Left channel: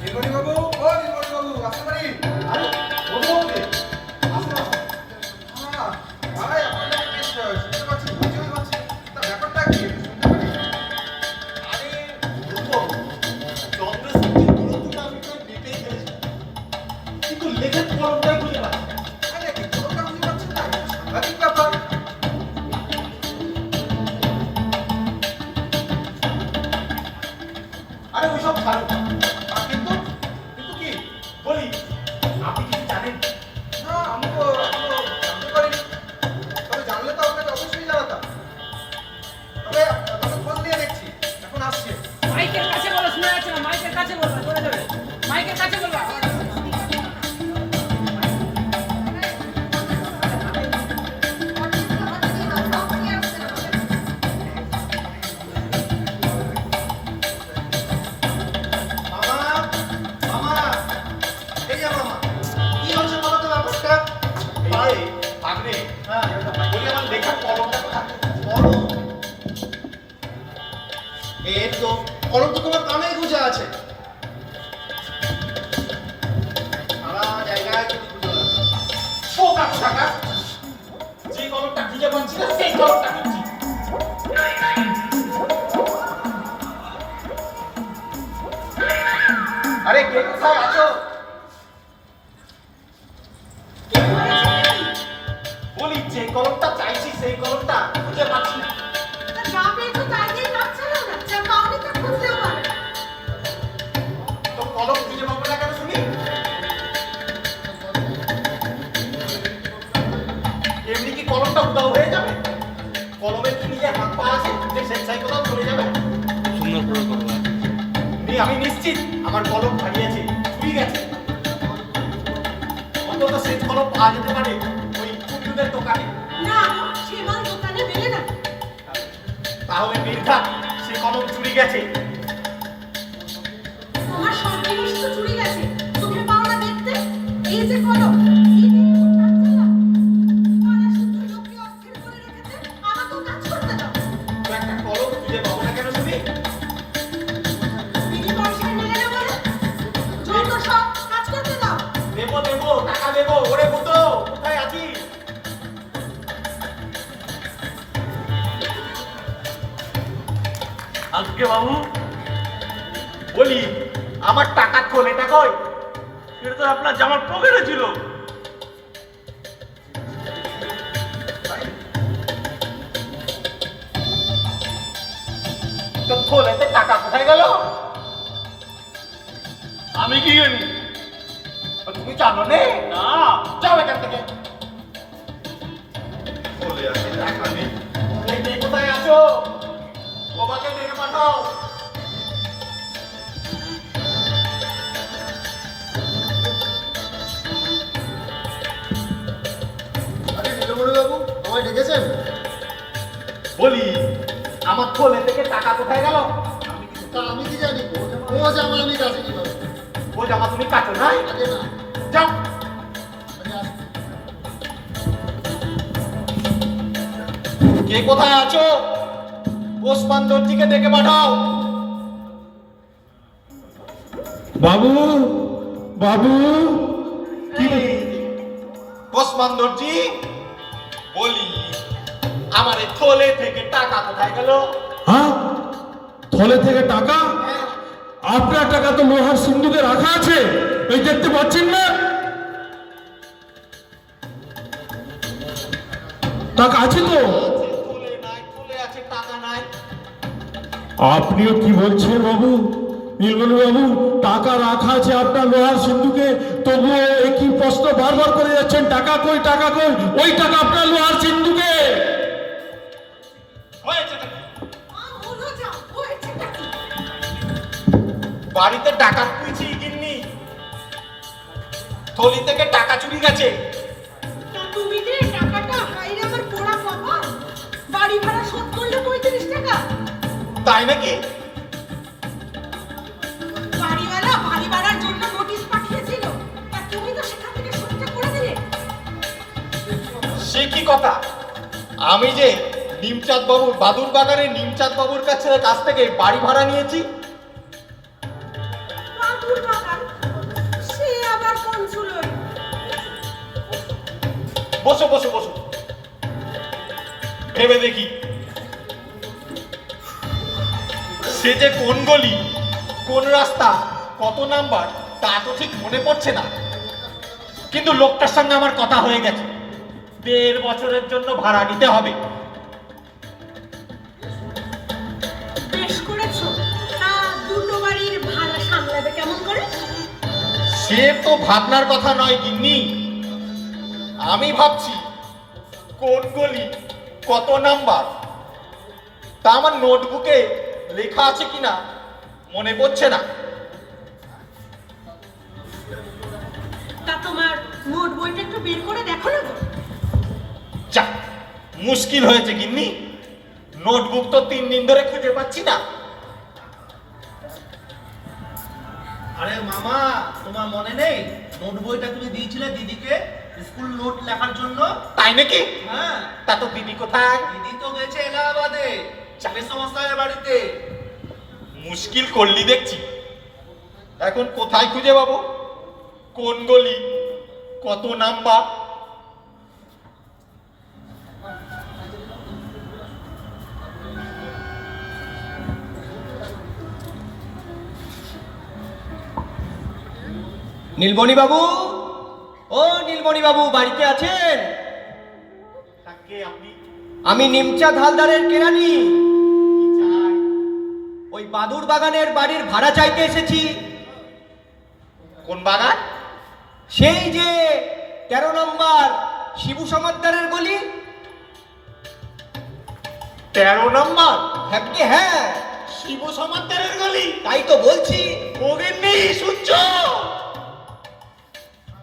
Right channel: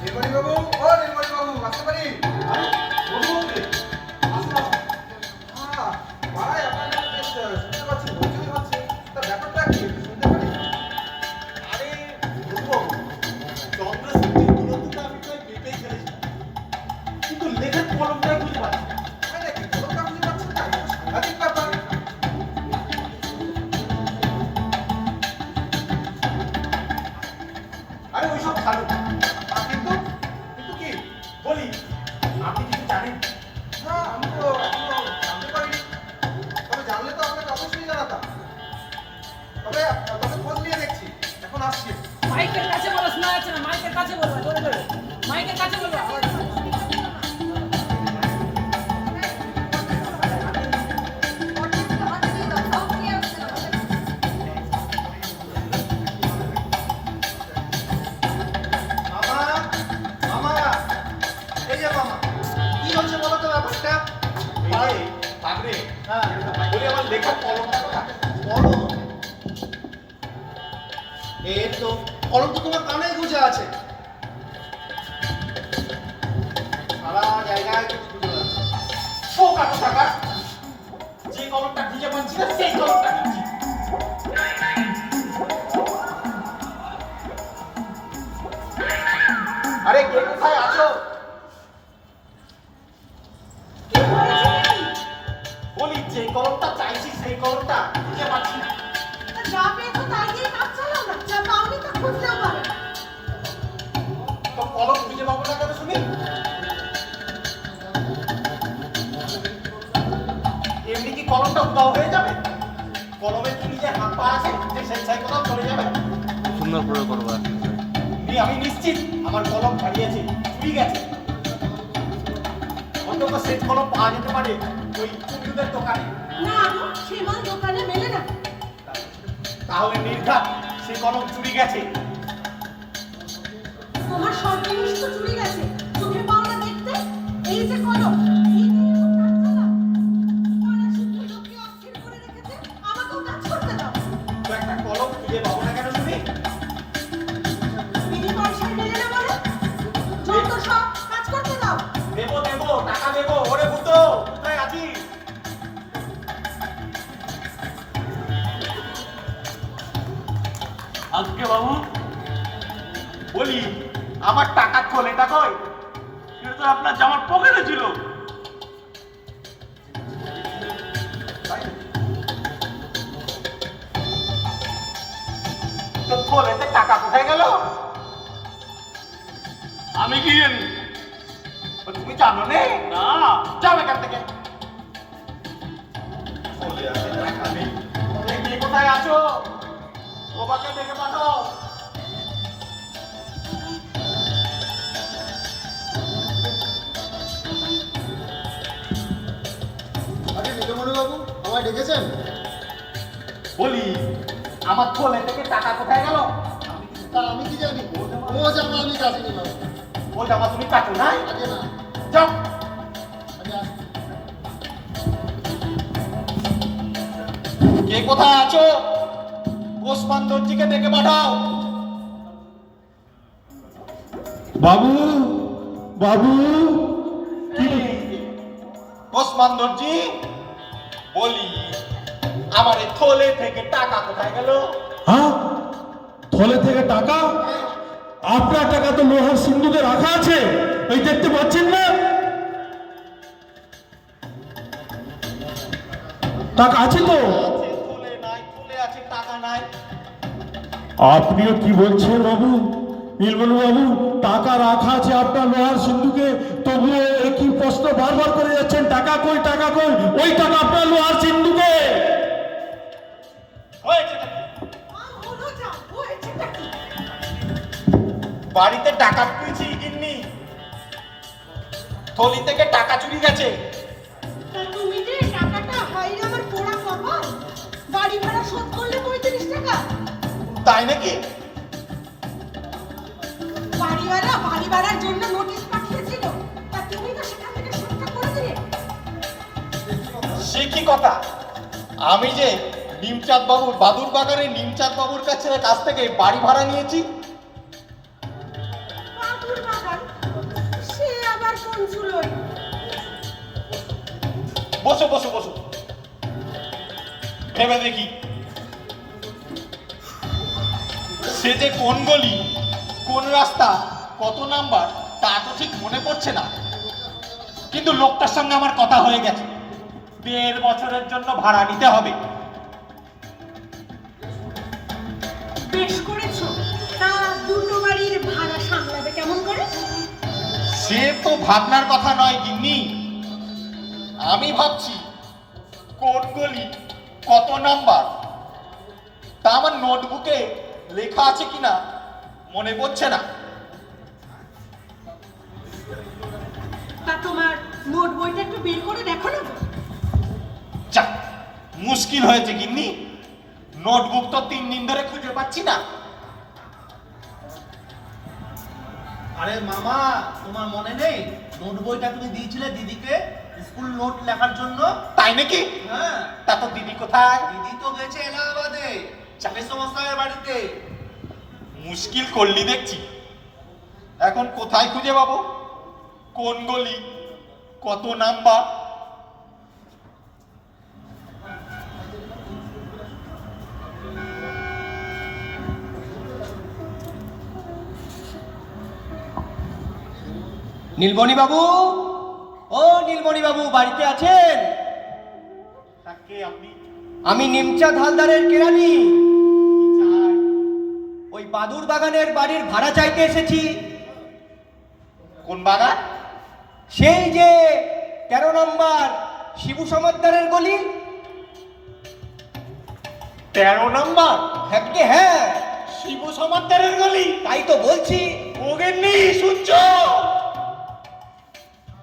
নীলমণি বাবু, ও নীলমণি বাবু, আসতে পারি? আরে বন্ধু আসুন আসুন। পাড়ায় আপনাদের বেশ শুনতে পাচ্ছি, হইচই হচ্ছে। তা ব্যাপারটা কি একটু শুনতে পারি? আরে বন্ধুবাবু, চন্দ্রশক্তির দূরত্বটা আমি প্রায় মেপেই ফেলেছি, কিন্তু লেখার কলমটাই খুঁজে পাচ্ছি না। তাই নাকি? কোনোটা বুঝতে পারছেন না? এটা সাংঘাতিক ব্যাপার। আরে ওইসব ছাড়ুন, কিন্তু কিন্তু কি? বলি আপনি কিছু জানেন? না, আমি তো এখনো জানতে পারিনি। তবে জানলে তো আপনাকে অবশ্যই জানাতাম। তবে খোঁজ নিয়ে দেখছি। এখন আসছে। মাইকের কাছে বলো, শোনা যাচ্ছে না। মাইকের কাছে বলবা, জোরে জোরে মাইকের কাছে বলবা। মামা, মামা, এই যে মামা, কি হচ্ছে বলো তো ব্যাপারটা? ভাই ভাগ্নে, হ্যাঁ বলি আমার লেখার কলমটা কোথায়? কলম? এই তো কলম তো তোমার কানেই গুজে আছে। সারা জায়গায় তুমি খুঁজে বেড়াচ্ছ। ও কাকু থাকা, যে কলমটা খুঁজে পাচ্ছি না সেই কলমটা খুঁজছি। আরে কে কোথায় আছো? বলি যে কলমটা চাইছি সেই কলমটা খুঁজে পাচ্ছি না। তো কলম খুঁজে পাবো না কেন শুনি? এমনি কি কলমটা উদাও হয়ে যাবে? কলমের কি নিজের হাত পা আছে যে স্বেচ্ছায় কোথাও চলে যাবে? সুন্দর করে করবা। আমি নিশ্চিত আমার কলম হারিয়েছে, চুরি গেছে। অন্তত সেই কলম পাওয়া যেতে পারে ওই কুকুরদের দোকানে। তাহলে নির্ঘাত সে কলম চুরি গেছে। তোমার সব জিনিস তো চুরি গেছে, চোখে পাও না দেখতে? এই যে কলম, এই তারা শুধু লোককে অস্থির করে রেখেছে, আমাকেও কাজ করতে দাও। তো একটা কলম খুঁজে পাবো না কেন শুনি? বিনি পয়সায় মেলে না বলে যত সব কাজ করতে দাও। দেবো দেবো, টাকা দেবো। ওরে ভূতো, কোথায় আছিস? আজকে বাবু বলি আমার টাকার থলেটা কই? এটা তো আপনার জামার পকেটে ছিল। তো থলেতে টাকা কোথায় গেল? আমি কি জানি? তুমি জানো নে? না। যাও এখান থেকে। থলে আছে টাকা নেই। এই কে কোথায় আছো? বাবাকে ডেকে পাঠাও। আরে নীলমণি বাবু, আমায় ডেকেছেন? বলি আমার থলে থেকে টাকা কোথায় গেল? তা আমি কি জানি? ও জামা আমি কাটিনি বাবু। ও জামা তুমি কাটো নাই? আগে না, যাও। আগে আসুন। কে কোথায় আছো? ওসমান দর্জিকে ডেকে পাঠাও। বাবু, বাবু, ওসমান দর্জি, বলি আমার এই থলে থেকে টাকা কোথায় গেল? হ্যাঁ, থলে থেকে টাকা? আপনার টাকা তো লোহার সিন্ধুকে রাখা আছে, এই দেখতে পাচ্ছেন না? টাকা আছে তো? থলে নাই, থলে আছে টাকা নাই। আপনিও কি বলছেন বাবু? নীলমণি বাবু, টাকা রাখা আছে আপনার লোহার সিন্ধুকে, তবুও একই প্রশ্ন বারবার করে যাচ্ছেন, টাকা কই, টাকা কই? ওই টাকা আপনার লোহার সিন্ধুকে। হয়েছেটা কি? হলো যাও, হয়েছেটা কি? বাড়িতে টাকা তুইছি গিন্নি, থলি থেকে টাকা চুরি গেছে। তা তুমি যে টাকাটা হাইরে আমার পোড়া কপাল, বাড়ি ভাড়া শোধ করলে 35 টাকা। তাই নাকি? বাড়িওয়ালা বাড়ি ভাড়ার জন্য নোটিশ পাঠিয়েছিল, তা তুমি তো সেখান থেকে শোধটা করে দিলে। সে কি কথা? আমি যে নিমচাঁদ বাবুর বাদুর বাগানের নিমচাঁদ বাবুর কাছ থেকে বাড়ি ভাড়া নিয়েছি। পাগল বাদুর বাগান, সে আবার কোন চুলোই? বসো বসো বসো, ভেবে দেখি সে যে কোন গলি, কোন রাস্তা, কত নাম্বার তা তো ঠিক মনে পড়ছে না, কিন্তু লোকটার সঙ্গে আমার কথা হয়ে গেছে, 1.5 বছরের জন্য ভাড়া নিতে হবে। বেশ করেছো। তা দুটো বাড়ির ভাড়া সামলাবে কেমন করে? সে তো ভাবনার কথা নয় গিন্নি, আমি ভাবছি কোন গলি, কত নাম্বার তা আমার নোটবুকে লেখা আছে কিনা মনে পড়ছে না। তা তোমার নোট বইটা একটু বের করে দেখো না গো। যা, মুশকিল হয়েছে গিন্নি, নোটবুক তো 3 দিন ধরে খুঁজে পাচ্ছি না। আরে মামা, তোমার মনে নেই নোট বইটা তুমি দিয়েছিলে দিদিকে স্কুল নোট লেখার জন্য? তাই নাকি? হ্যাঁ, তা তো দিদি কোথায়? দিদি তো গেছে এলাহাবাদে, চাকরি সংস্থায় বাড়িতে। মুশকিল করলি দেখছি, এখন কোথায় খুঁজে পাবো, কোন গলি, কত নাম্বার? নীলমণি বাবু, ও নীলমণি বাবু বাড়িতে আছেন? তাকে আপনি আমি নিমচাঁদ হালদারের কেরানি, কি চাই? ওই বাদুর বাগানের বাড়ির ভাড়া চাইতে এসেছি। কোন বাগান? সেই যে 13 নম্বর শিবু সমাদ্দারের গলি। 13 নম্বর? হ্যাঁ হ্যাঁ, শিবু সমাদ্দারের গলি? তাই তো বলছি। ওগেননি শুনছো?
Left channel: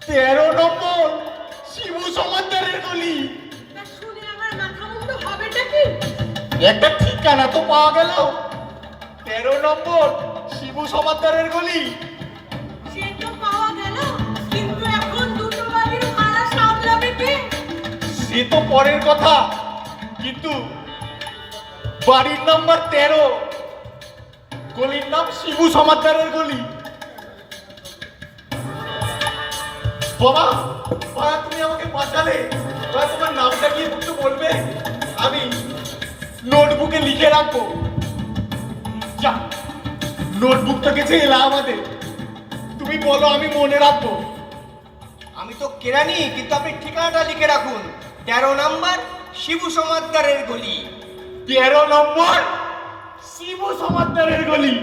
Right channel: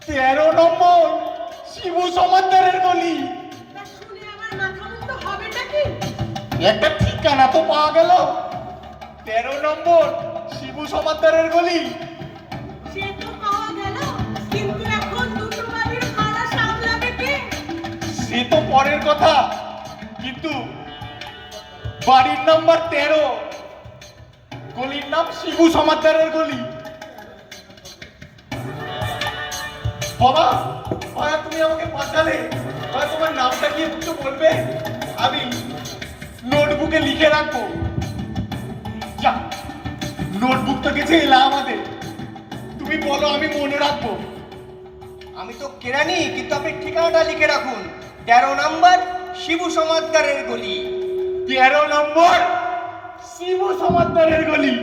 13 নম্বর শিবু সমাদ্দারের গলি। তা শুনে আমার মাথা মুন্ড হবেটা কি? একটা ঠিকানা তো পাওয়া গেল, 13 নম্বর শিবু সমাদ্দারের গলি। সে তো পাওয়া গেল, কিন্তু এখন দুটো বাড়ির ভাড়া সামলাবে কে? সে তো পরের কথা, কিন্তু বাড়ির নাম্বার 13, গলির নাম শিবু সমাদ্দারের গলি। বাবা, বাবা তুমি আমাকে বাঁচালে, বাবা তোমার নামটা কি একটু বলবে, আমি নোটবুকে লিখে রাখবো। যা, নোটবুক তো গেছে এলাহাবাদে, তুমি বলো আমি মনে রাখবো। আমি তো কেরানি, কিন্তু আপনি ঠিকানাটা লিখে রাখুন, 13 নম্বর শিবু সমাদ্দারের গলি। 13 নম্বর শিবু সমাদ্দারের গলি।